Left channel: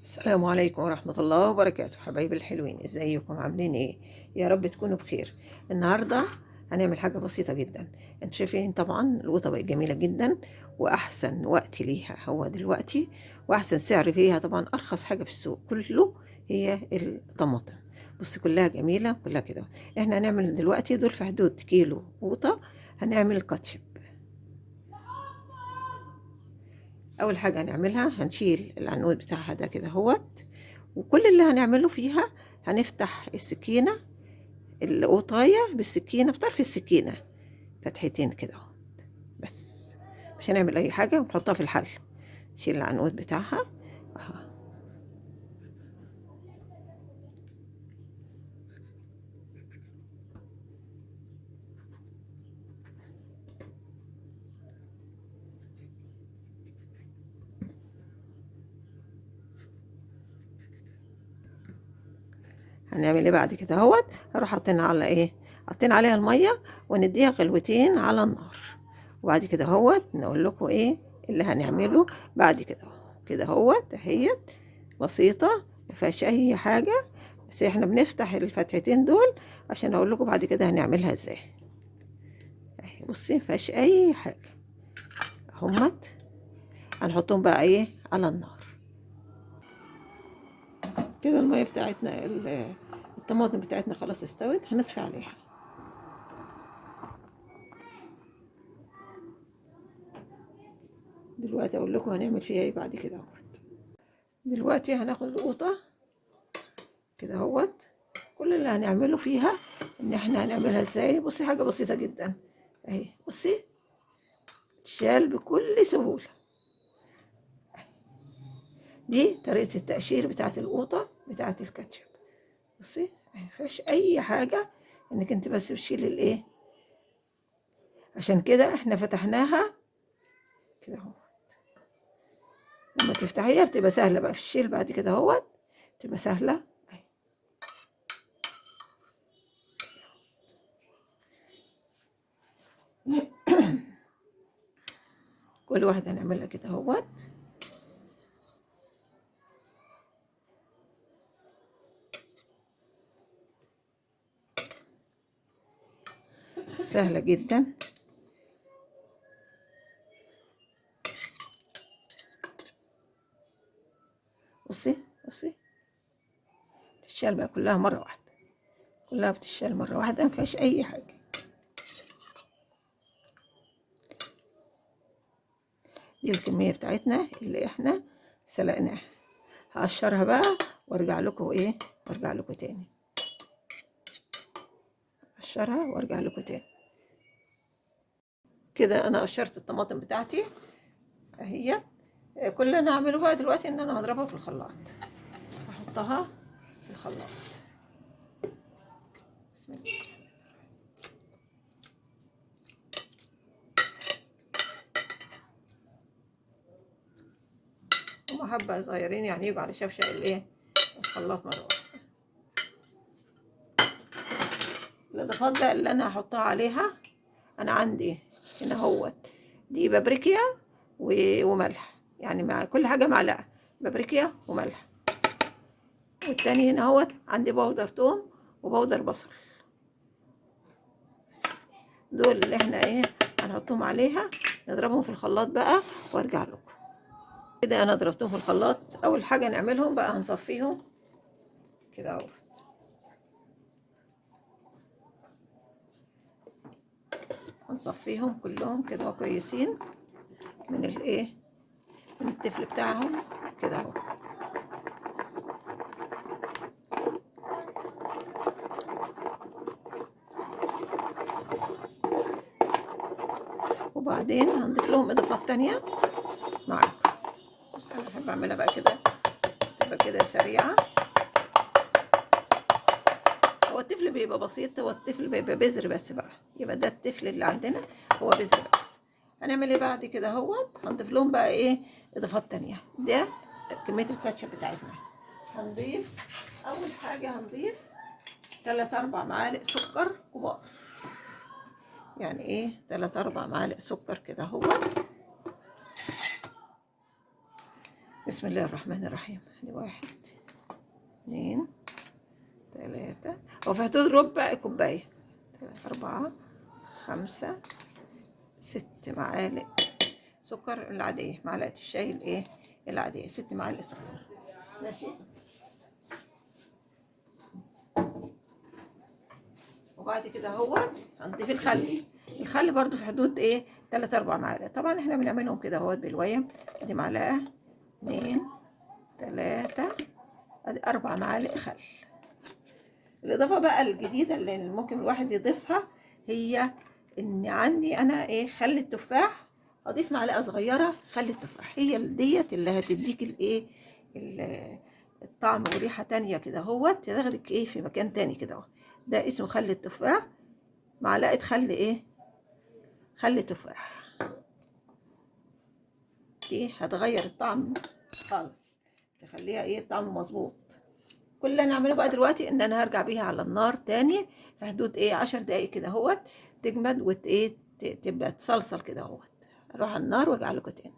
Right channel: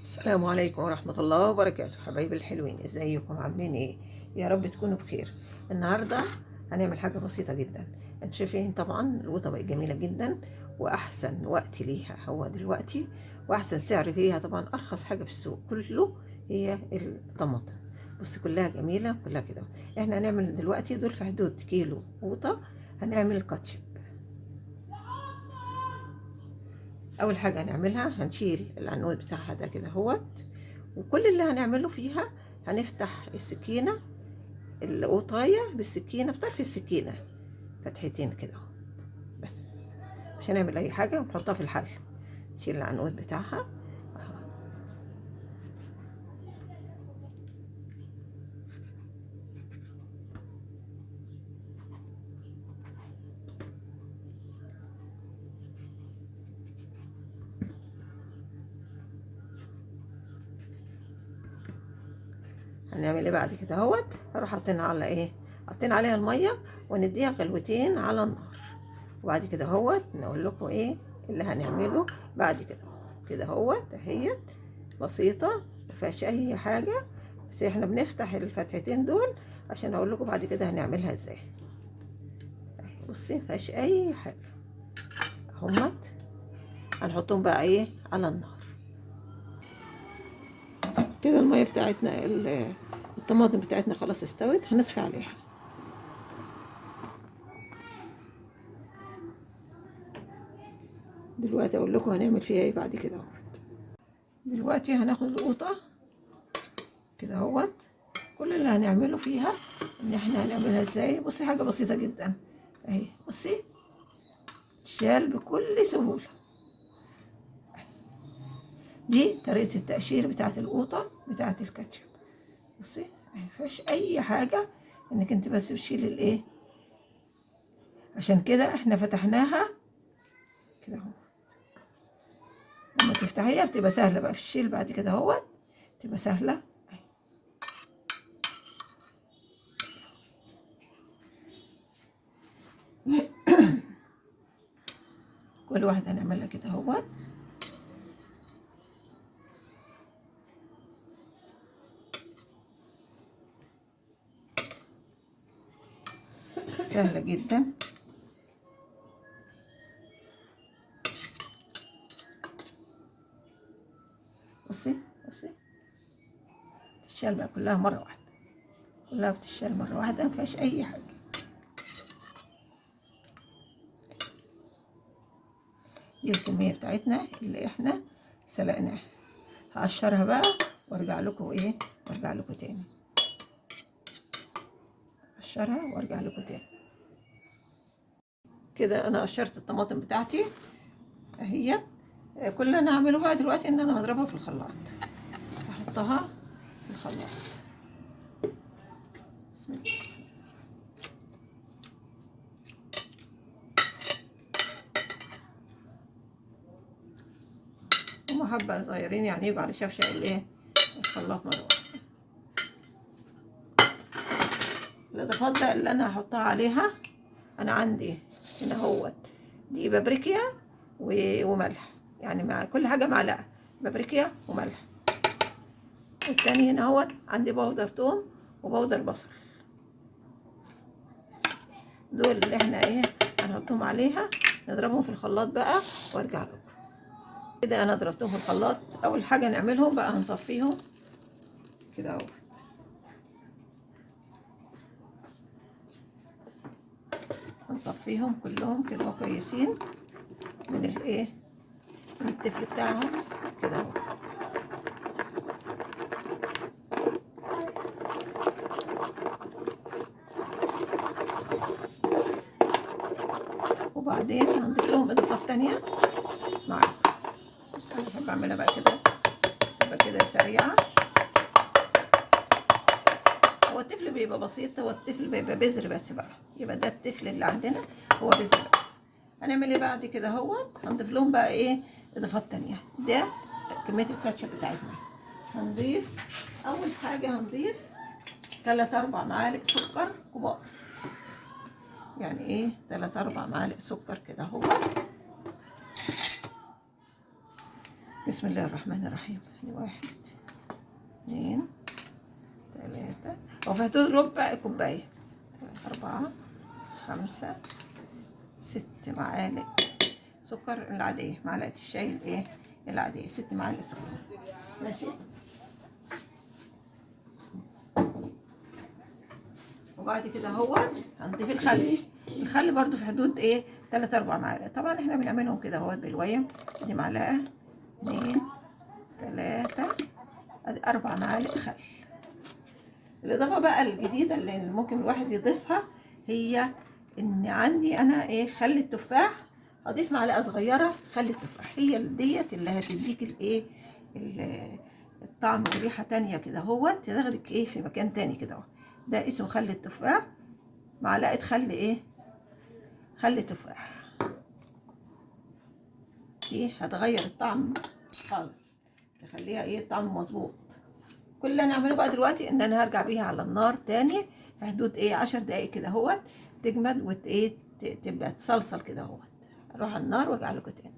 السلام عليكم ورحمة الله وبركاته. حبايبي الحلوين، ازيكم عاملين ايه؟ يا رب تكونوا بخير. النهاردة هنعمل حاجة بسيطة جدا. انتوا شايفين طبعا القوطة بقت جميلة جدا، واحسن وقت ليها هو دلوقتي، واحسن سعر فيها طبعا، ارخص حاجة في السوق كله هي الطماطم. بص كلها جميلة كلها كده. احنا هنعمل دلوقتي دول في حدود كيلو قوطة. هنعمل كاتشب. اول حاجة هنعملها هنشيل العنقود بتاعها ده كده هوت، وكل اللي هنعمله فيها هنفتح السكينة، القطاية بالسكينة بطرف السكينة فتحتين كده اهو. بس مش هنعمل أي حاجة، ونحطها في الحل. نشيل العنقود بتاعها اهو. هنعمل ايه بعد كده اهوت؟ هروح حاطين على ايه، حاطين عليها المية ونديها غلوتين على النار. وبعد كده اهوت نقول لكم ايه اللي هنعمله بعد كده اهو. كده اهوت اهيت بسيطة، مفيهاش اي حاجة، بس احنا بنفتح الفتحتين دول عشان اقول لكم بعد كده هنعملها ازاي. اهي بصي مفيهاش اي حاجة اهمت. هنحطهم بقى ايه على النار. كده المية بتاعتنا الطماطم بتاعتنا خلاص استوت، هنطفي عليها. دلوقتي اقول لكم هنعمل فيها ايه بعد كده اهوت. دلوقتي هناخد القوطة كده اهوت. كل اللي هنعمله فيها ان احنا هنعملها ازاي. بصي حاجة بسيطة جدا اهي، بصي تشال بكل سهولة. دي طريقة التقشير بتاعت القوطة بتاعت الكاتشب. بصي مفيهاش اي حاجة، انك انت بس بتشيل الايه. عشان كده احنا فتحناها كده اهو. لما تفتحيها بتبقى سهلة بقى في الشيل بعد كده اهوت، تبقى سهلة اهي. كل واحدة هنعملها كده اهوت. سهلة جدا. بصي بصي تتشال بقى كلها مرة واحدة، كلها بتتشال مرة واحدة مفيهاش أي حاجة. دي الكمية بتاعتنا اللي احنا سلقناها. هقشرها بقى وارجع لكم ايه، وارجع لكم تاني. اقشرها وارجع لكم تاني. كده انا قشرت الطماطم بتاعتي اهي. كل اللي انا هعمله بقى دلوقتي ان انا هضربها في الخلاط. هحطها في الخلاط. بسم الله. هما حبة صغيرين يعني يجوا على شفشق الايه، الخلاط مرة واحدة. الاضافات بقى اللي انا هحطها عليها، انا عندي هنا اهوت دي بابريكيا وملح، يعني مع كل حاجة معلقة بابريكيا وملح. والتاني هنا اهوت عندي بودر توم وبودر بصل. دول اللي احنا ايه هنحطهم عليها، نضربهم في الخلاط بقى وارجع لكم. كده انا ضربتهم في الخلاط. اول حاجة نعملهم بقى هنصفيهم كده اهوت. هنصفيهم كلهم كده كويسين من الايه، من التفل بتاعهم كده اهو. وبعدين هنضيف لهم اضافات تانية معاكم. بس انا بحب اعملها بقى كده، تبقى كده سريعة. هو التفل بيبقى بسيط، هو التفل بيبقى بذر بس بقى، يبقى ده التفل اللي عندنا هو بذر بس. هنعمل ايه بعد كده اهوت؟ هنضيف لهم بقى ايه اضافات تانية. ده كمية الكاتشب بتاعتنا. هنضيف اول حاجة، هنضيف 3-4 معالق سكر كبار. يعني ايه 3-4 معالق سكر كده اهو. بسم الله الرحمن الرحيم. 1 2 3 وفي حدود ربع كوباية، 4 5 6 معالق سكر العادية، معلقة الشاي الايه العادية، 6 معالق سكر. ماشي. وبعد كده اهوت هنضيف الخل برضو في حدود 3 4 معالق. طبعا احنا بنعملهم كده اهوت بالويم. دي معلقة 2 3 ادي 4 معالق خل. الاضافة بقى الجديدة اللي ممكن الواحد يضيفها هي ان عندي انا خل التفاح. اضيف معلقة صغيرة خل التفاح، هي ديت اللي هتديك الطعم وريحة تانية كده اهوت، تاخدك في مكان تاني كده اهو. ده اسمه خل التفاح، معلقة خل خل تفاح. دي هتغير الطعم خالص، تخليها الطعم مظبوط. كل اللي انا اعمله بقى دلوقتي ان انا هرجع بيها على النار تاني في حدود 10 دقايق كده اهوت، تجمد تبقى تصلصل كده اهوت. اروح على النار وارجع لكم تاني.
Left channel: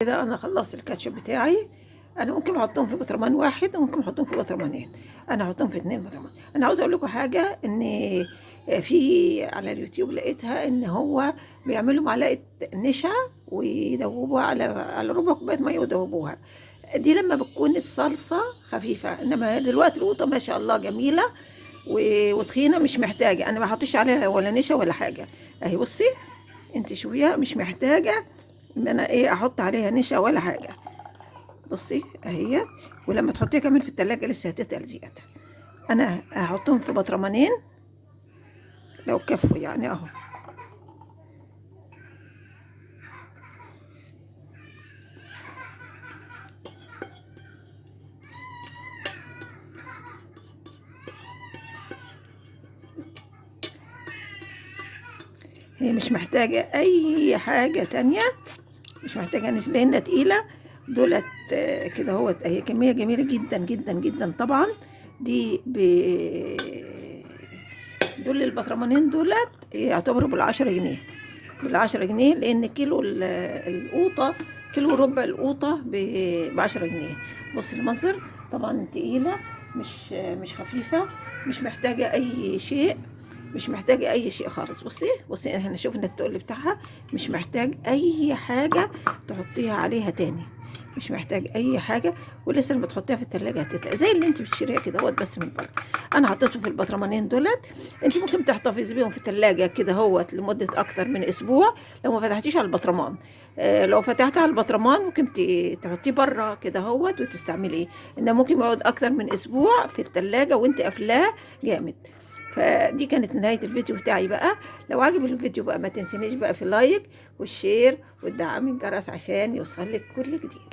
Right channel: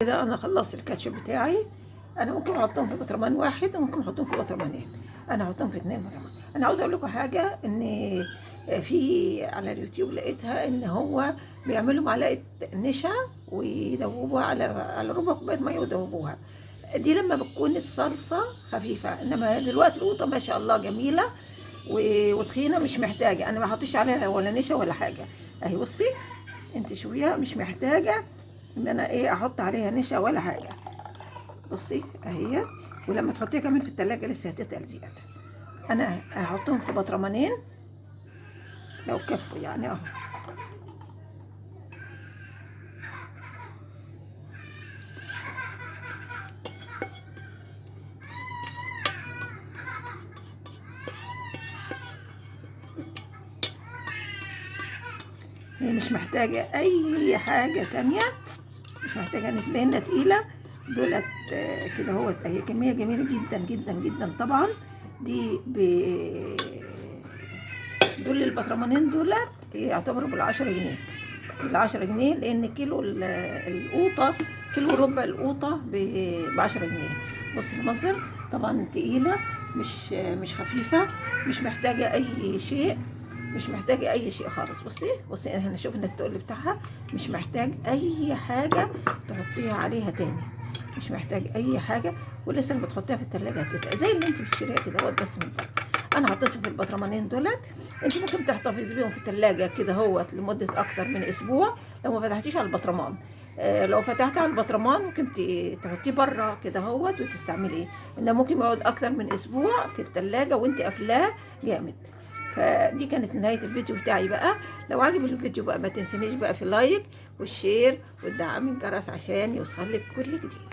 كده انا خلصت الكاتشب بتاعي. انا ممكن احطهم في برطمان واحد وممكن احطهم في برطمانين. انا هحطهم في 2 برطمان. انا عاوزه اقول لكم حاجه، ان في على اليوتيوب لقيتها ان هو بيعملوا معلقه نشا ويدوبوها على ربع كوبايه ميه ويدوبوها. دي لما بتكون الصلصه خفيفه، انما دلوقتي القوطه ما شاء الله جميله وتخينه، مش محتاجه. انا ما حطيتش عليها ولا نشا ولا حاجه. اهي بصي انت شوفيها، مش محتاجه ان انا احط عليها نشا ولا حاجه. بصي اهي. ولما تحطيها كمان في التلاجة لسه هتتقل زياده. انا هحطهم في برطمانين لو كفوا يعني اهو. هي مش محتاجه اي حاجه تانية، مش محتاجه نشا لانها تقيله. دولت كده اهوت اهي، كميه جميله جدا جدا جدا. طبعا دي دول البطرمانين دولت يعتبروا بال10 جنيه، بال10 جنيه، لان كيلو القوطه، كيلو ربع القوطه ب10 جنيه. بص المنظر طبعا تقيله، مش خفيفه، مش محتاجه اي شيء، مش محتاجه اي شيء خالص. بصي احنا شوفنا التقل بتاعها، مش محتاج اي حاجه تحطيها عليها تاني، مش محتاج اي حاجه. ولسه لما تحطيها في التلاجة هتتقل زي اللي انت بتشتريها كده اهوت، بس من بره. انا حطيته في البطرمانين دولت. انت ممكن تحتفظي بيهم في التلاجة كده اهوت لمده اكتر من اسبوع لو ما فتحتيش على البطرمان. لو فتحتي على البطرمان ممكن تحطيه بره كده اهوت وتستعمليه، انه ممكن يقعد اكتر من اسبوع في التلاجة وانت قافلاه جامد. فدي كانت نهاية الفيديو بتاعي بقى. لو عجب الفيديو بقى ما تنسينيش بقى في اللايك والشير والدعم الجرس عشان يوصل لك كل جديد.